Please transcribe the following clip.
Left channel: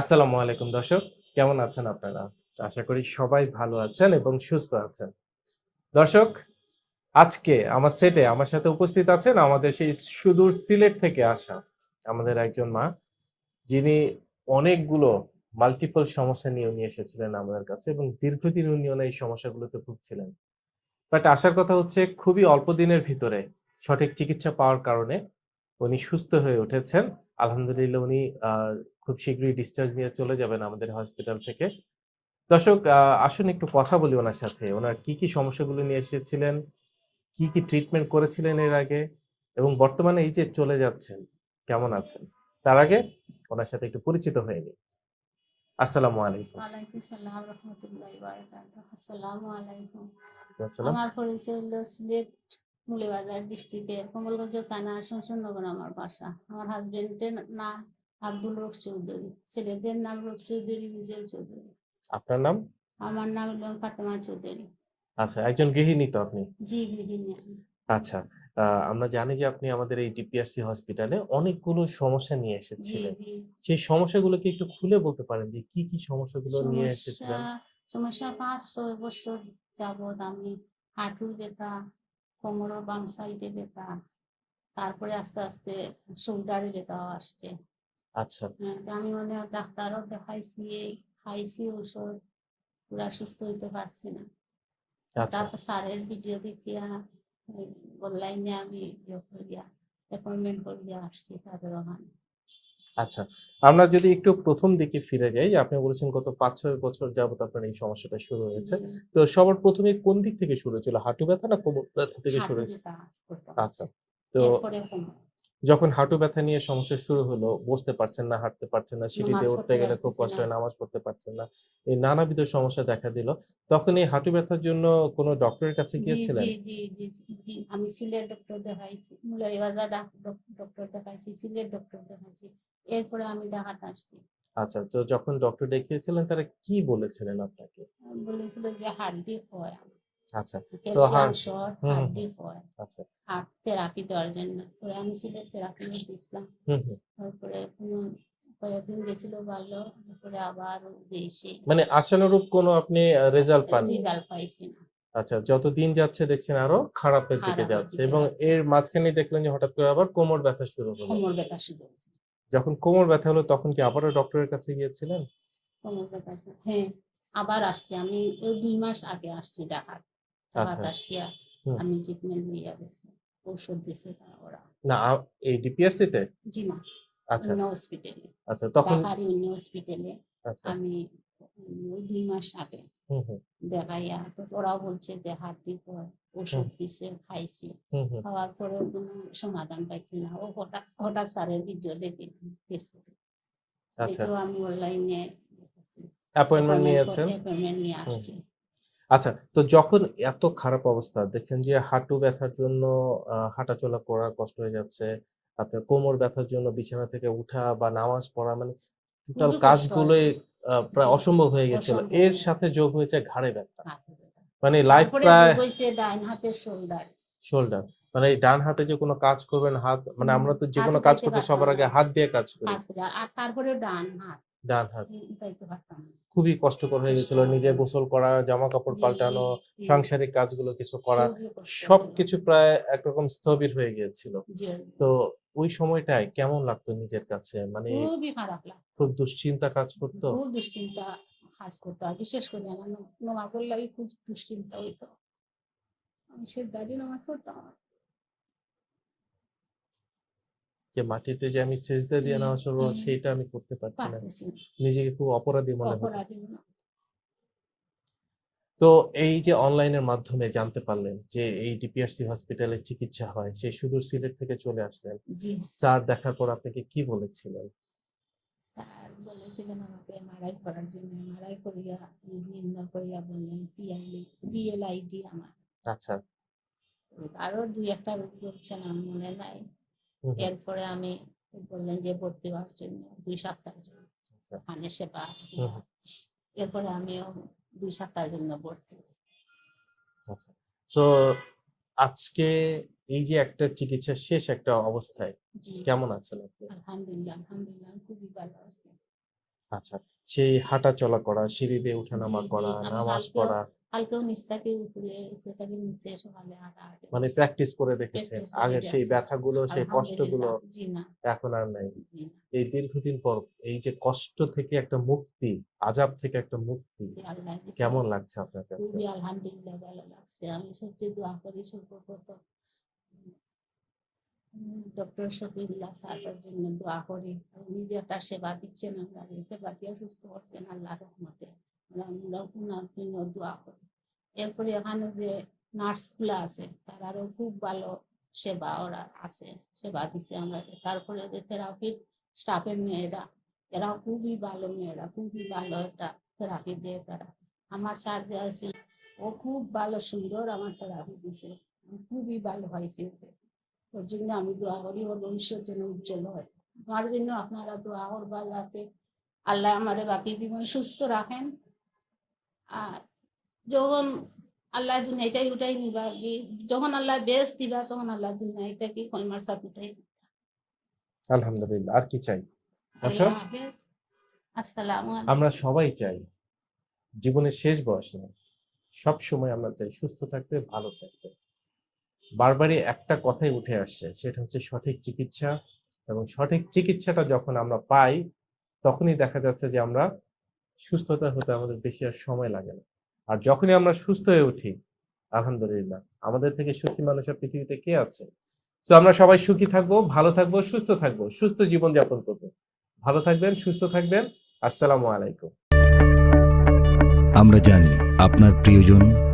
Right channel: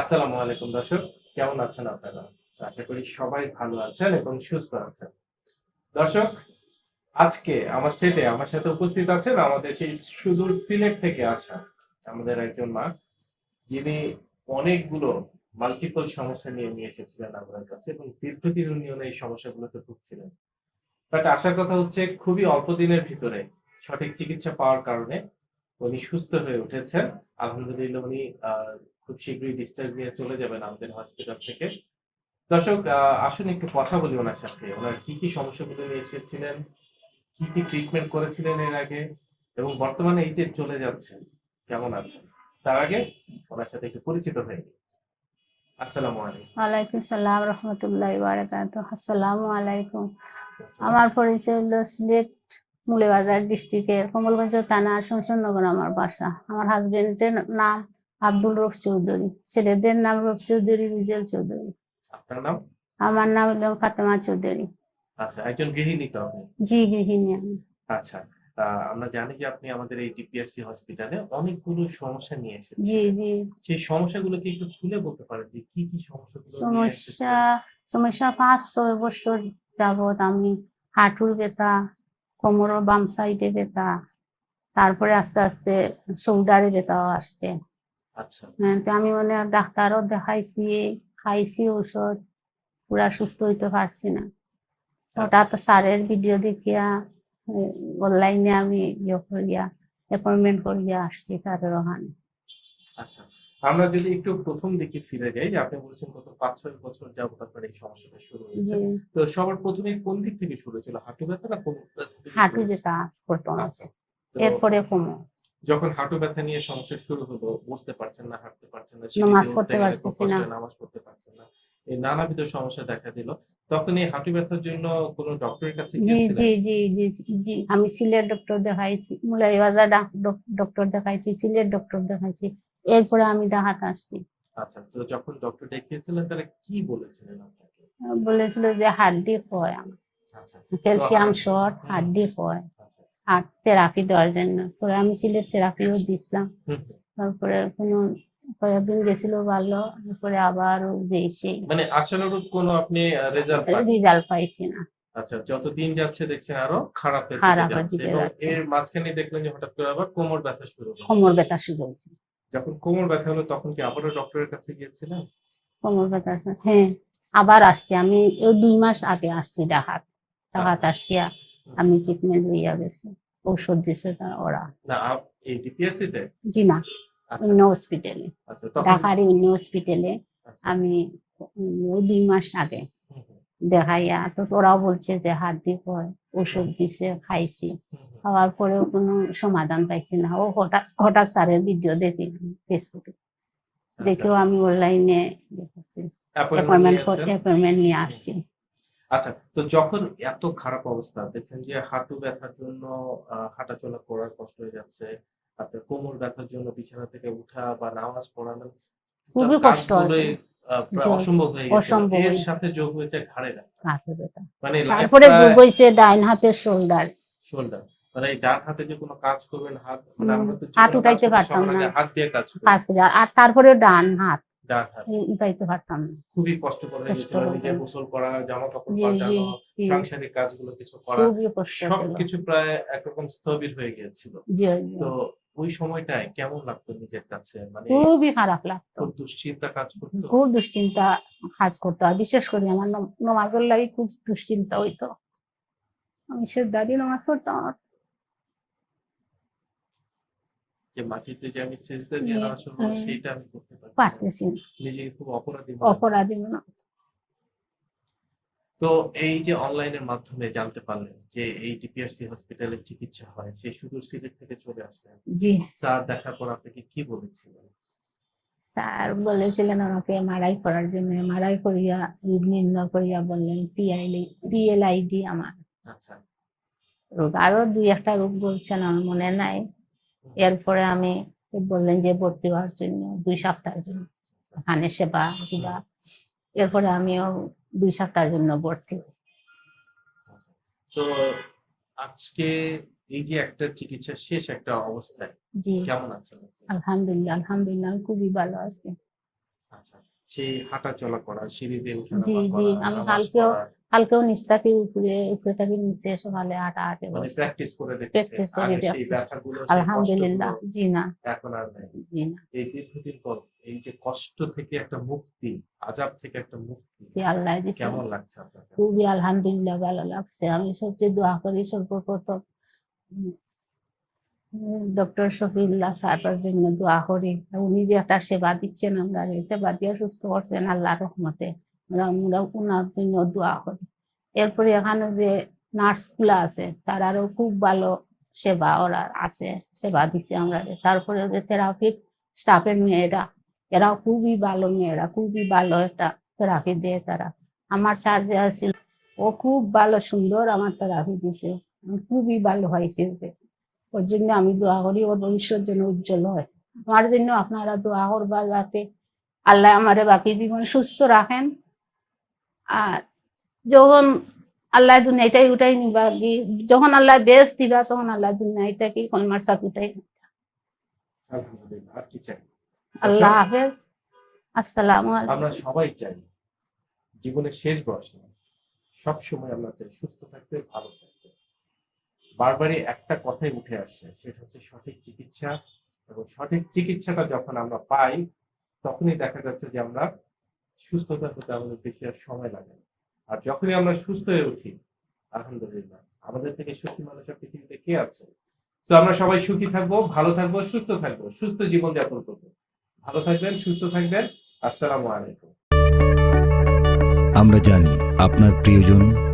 আসসালামু আলাইকুম দর্শক, কেমন আছেন আপনারা? আশা করি সবাই ভালো আছেন এবং সুস্থ আছেন। দর্শক, আজকে আমার সেটে আমার সাথে উপস্থিত আছেন আমাদের সেই সুদূর সিলেট থেকে আসা আমাদের একজন মা, যিনি অনেকগুলো মাল্টিপল সমস্যা নিয়ে নিয়ে এসেছিলেন আমাদের কাছে এবং দীর্ঘদিন উনিও এই সমস্যাগুলোতে ভুগছিলেন। বাট আসার কথা হচ্ছে, খুবই অল্প দিনের ভিতরে সঠিক চিকিৎসা পাওয়ার কারণে উনি সুস্থ হয়ে উঠেছেন। আলহামদুলিল্লাহ উনি খুব শীঘ্রই ডিসচার্জ নিয়ে চলে যাবেন আমাদের হসপিটাল থেকে। দর্শক আসুন একটু কথা বলি ওনার সাথে। ওনার কি কি সমস্যাগুলো নিয়ে এসেছিলেন? কি কি ট্রিটমেন্ট করেছিলেন এর আগে? এবং বর্তমানে এই যে চলে যাচ্ছেন কেমন আছেন? তার আগে ওনার সাথে একটু পরিচিত হয়ে নিই। আসসালামু আলাইকুম। ওয়ালাইকুম সালাম রহমতুল্লাহ বারাকাত আসসালামু আলাইকুম। আমার পরিচয় হলো সিলেট মুলেবাজার ডিস্ট্রিক্টের কমলগঞ্জ থানা শমশনগর আমার বাসা। আমার হাজবেন্ডের নাম আব্দুল রফ চৌধুরী ছেলেদের নাম রফ চৌধুরী রুজেল চৌধুরী। আপনার নাম? আমার নাম ফাতেমা চৌধুরী। আচ্ছা একজন গৃহিণী তো আপনি? জি গৃহিণী আমি। আচ্ছা আমরা জানি যে আপনি আমাদের এই ডিপিআরসি হসপিটালে অনেকগুলো সমস্যা নিয়ে এসেছেন। জি জি। সেই সমস্যাগুলো কি একটু খুলে বলতে পারেন যে কি কি সমস্যাগুলো নিয়ে সমস্যা এসেছেন? সমস্যা পাঁচ ছয় বছর যাবত আমি হাঁটুর ব্যথা কোমরের বাম সাইডে ব্যথা তারপরে আস্তে আস্তে শোল্ডারে ব্যথাও আসছে। আচ্ছা। হ্যাঁ তো আমি মানে ডাক্তারও দেখাইছি খাইছি ওষুধ পুরা সুস্থ হইতে পারছি না। আচ্ছা। হঠাৎ স্যারের ভিডিও দেখিয়া অনলাইনে আমি ইয়ে করিয়া অ্যাপয়েন্টমেন্ট করিয়া আসছি স্যারের ওখানে। আচ্ছা আমরা যদি একটু প্রথম দিকে ফিরে যাই যে আপনি বলেছেন গত পাঁচ ছয় বছর যাবত আপনার এই সমস্যাটা শুরু হয়েছে। তো সবার প্রথমে কোন দিক থেকে শুরু হয়েছিল? হাঁটু ব্যথা না কোমর ব্যথা থেকে হাঁটু? ব্যথা করতো আচ্ছা এরপরে কমো যখন হাঁটু ব্যথা নিয়ে সমস্যা শুরু হলো বসতে পারছেন না হাঁটতে পারছেন না নামাজ সিঁড়িতে উঠতে পড়তে গেলে খুব পারতেছি না। নামাজ পড়তে পারছেন না এই নানাবিধ সমস্যা দেখা দিল। তখন এই হাঁটু ব্যথার জন্য কোনো ডক্টরের কাছে গিয়েছিলেন? জি জি জি জি আমি সিলেট ডক্টর দেখাইছি মুলাইবাজার ডক্টর দেখাইছি সিলেট ডক্টর দেখাইছি। এরপরে আমি ডাহাত আসছি। আচ্ছা তো যখন ডক্টর দেখিয়েছিলেন তারা কি বলেছিলেন আপনাকে? বলেছিল যে হাড্ডি হয় আমার। আচ্ছা ক্যালসিয়াম শর্ট হাড্ডি হয়। আচ্ছা। থেরাপি দেওয়ার জন্য। পরে আমি সিলেট থেরাপিও দিছিলাম। তারপরে কোনো কয়েকদিন গেছিল ভালো তারপরে আবার মানে আশানুরূপ কোনো আপনি রেজাল্ট পান রেজাল্ট পাইছি না। আচ্ছা যত দিন যাচ্ছে দেখছেন আরও খারাপের দিকে যাচ্ছে এবং এর মাঝখানে দেখলেন যে হঠাৎ করে আবার কোমর ব্যথা শুরু হলো। কোমর ব্যথা শুরু হয়েছে। যখন কোমর ব্যথা হলো তখন কি আবারও ডক্টরের কাছে গিয়েছিলেন? কোমর ব্যথা হ্যাঁ আবার আসছে। আমি ওই দুই মাস আগে আসছি ডাহাত ডাহাত আচ্ছা। আসিয়া আমি ট্রিটমেন্ট লইয়া গেছি। ঔষধ দিছে তারা ওরা। না এই ডিপিআরসি তে? জি না আচ্ছা। অন্য হসপিটালে আচ্ছা তখন ঢাকার অন্য হসপিটালে আমি দুই মাস আগে দেখাইয়া তো ওরাও বলছে যে হাড্ডি হয় ওষুধ দিছে খাইছি। খাওয়ার পরেও কোনো সমাধান পাইছি না। ও হঠাৎ হঠাৎ স্যারের ভিডিও দেখি ফেসবুকে আচ্ছা। দেখেও আমি অনলাইনে অ্যাপয়েন্টমেন্ট নিয়ে আসছি। আচ্ছা তো যখন এত খারাপ অবস্থা দেখছেন যে হাঁটু ব্যথার জন্য হাঁটাচলা করা কষ্ট হয়ে যাচ্ছে আপনার কোমর ব্যথার জন্য বিছানা থেকে উঠা বা নামাজ পড়া মানে খুবই কষ্ট অসম্ভব হয়ে গেছে। এর সাথে যোগ হয়েছে ঘাড়ে ব্যথা। মানে তারপরে যোগ হয়েছে ডাইন হাতের শোল্ডার শোল্ডার মানে ডান হাতে যে কোনো কাজ করবেন হাত মানে আমরা তো যে কোনো কাজ করতে সবার আগে হাত দিয়ে কাজ করি। কাজ করে। আর তারপরে ডান হাত। ডান হাত। উঠাইতে পারতাম না। খুবই কষ্টকর হয়ে গেছিল। নিজে গোসল করা জামা কাপড় পাল্টানো সাংসারিক কাজগুলো কিছু করা। সবকিছু প্রায় একরকম স্থবির হয়ে গিয়েছিল। তো ওই সময়টায় কেমন লাগতো নিজের কাছে? মানে খুবই খারাপ লাগতো। খুব দুশ্চিন্তা কাজ করতো? খুব দুশ্চিন্তা কাজ করতো। আর বিশেষ করে আমার নম- নমাজের লাগে খুব দুশ্চিন্তা হইতো। আমি সে দাদি নমাজ পড়তাম আমার। যে মাটিতে যে আমি সেজদা দিয়ে নামাজ পড়ব। সেইটা আমি করতে পারছি না। নিজেকে খুব অপরাধী মনে হতো। অপরাধী মনে হতো। তো এই যে অনলাইনের মাধ্যমে জানতে পারলেন যে এই ডিপিআরসি হসপিটালে চিকিৎসা হয় সেই সুদূর সিলেট থেকে চলে আসলেন। জি। স্যার দেখার পর আপনাকে কি বলেছিলেন? স্যার বলেছিলেন আমাকে এমআরআই করার জন্য। এমআরআই করিয়া নির্ণয় করিয়া বললেন পিআইডি পিএলআইডি আমার। আচ্ছা। রোগ আরও দুই একটা রোগ বলছেন আমার মনে নাই। এরপরে আমি বললেন যে ভর্তি হওয়ার জন্য দুই সপ্তাহের জন্য। আচ্ছা। ওখানে সেবা দিবা। এরপরে আমিও দুই সপ্তাহের জন্য ভর্তি হই। আচ্ছা। তো আজকে এই যে একটা চিকিৎসা শেষ একটা অবস্থায় জি। কেমন আছেন আপনি? আলহামদুলিল্লাহ আলহামদুলিল্লাহ আমি খুবই ভালো আছি। আচ্ছা সেই হাঁটা চলা করা সিঁড়ি দিয়ে জি, জি, করা আমি নামাজ কালকেও পড়া। কালকেও নিচ থাকি উপরে উপরে থাকি নিচে সকালে হাঁটা হাঁটে মানে প্র্যাকটিস করে রেখেছে। Practice আগে রেখে সেই আছে। ব্যথাগুলো সেই আলহামদুলিল্লাহ। কষ্টগুলো জি না। এখন আর নাই। জি না। এই দীর্ঘদিন পর এই যে কষ্ট থেকে একটা মুক্তি আজাব থেকে একটা মুক্তি জি আল্লাহ দিছে। কেমন লাগছে আপনার কাছে? খুবই আলহামদুলিল্লাহ ভালো লাগছে। আমি সবচেয়ে দোয়া করি সর্বপ্রথম। ডক্টর শফিউল্লাহ সাহেবের জন্য দোয়া করি। উনি যে একটা সেবা দিচ্ছেন, আমরা সেবা দিয়ে সুস্থ করছেন আল্লাহ রহমতে। আমরা আমরা ওনার জন্য দোয়া করি। এরপরে এখানে যে নার্সগুলো আছে, তারারও খুব ভালো সেবা ওরা আছে, সেবা দিচ্ছে আমরা। তারপরে যে থেরাপির স্টাফের মেয়েরা, এরাও খুবই ভালো মেয়েরা, খুবই ভালো একটা থেরাপি দেয় তারা। আমার স্যার যে আছিল, ও খুব ভালো, সুন্দর আমার থেরাপি দিছে। খুবই ভালো হয়েছে ওর জন্য আমি দোয়া করি ওর ভবিষ্যৎ যেন উজ্জ্বল হয়। আমার জন্য আপনারা দোয়া করবা যাতে আল্লাহ আমারে বাকি জীবন সুস্থ রাখেন। আর যখন আল্লাহ দুনিয়াটাই উঠাই নিবা যখন আল্লাহ বেশ দিবা তখন আল্লাহ দুনিয়াটা কি কলমার সাথ উঠাই আলহামদুলিল্লাহ আর কি চাই? আল্লাহ হাফেজ। আসসালামু আলাইকুম। আমরা সবাই চাই জীবনের শেষ বয়সে সব সময় আমরা চাই সুস্থ থাকতে ভালো থাকতে। বারবারই একটা কথাই উঠে আসছে, সেটা হচ্ছে সঠিক চিকিৎসা এবং সঠিক চিকিৎসাটা যখন আমরা পাই, তখনই দেখা যাচ্ছে যে আমরা সুস্থতা হতে আমাদের বেশি আর সময় লাগে না। আর যখনই আমরা সুস্থ হয়ে উঠি, আলহামদুলিল্লাহ। আমাদের থেকে সুখী মানুষ আর পৃথিবীতে কে আছে? তো আমরা সবাই সুখী থাকব, ভালো থাকব, সুস্থ থাকব, সুস্থ জীবন যাপন করব। ভালো থাকবেন, সুস্থ থাকবেন। আসসালামু আলাইকুম। আমরা জানি আপনার প্রিয়জন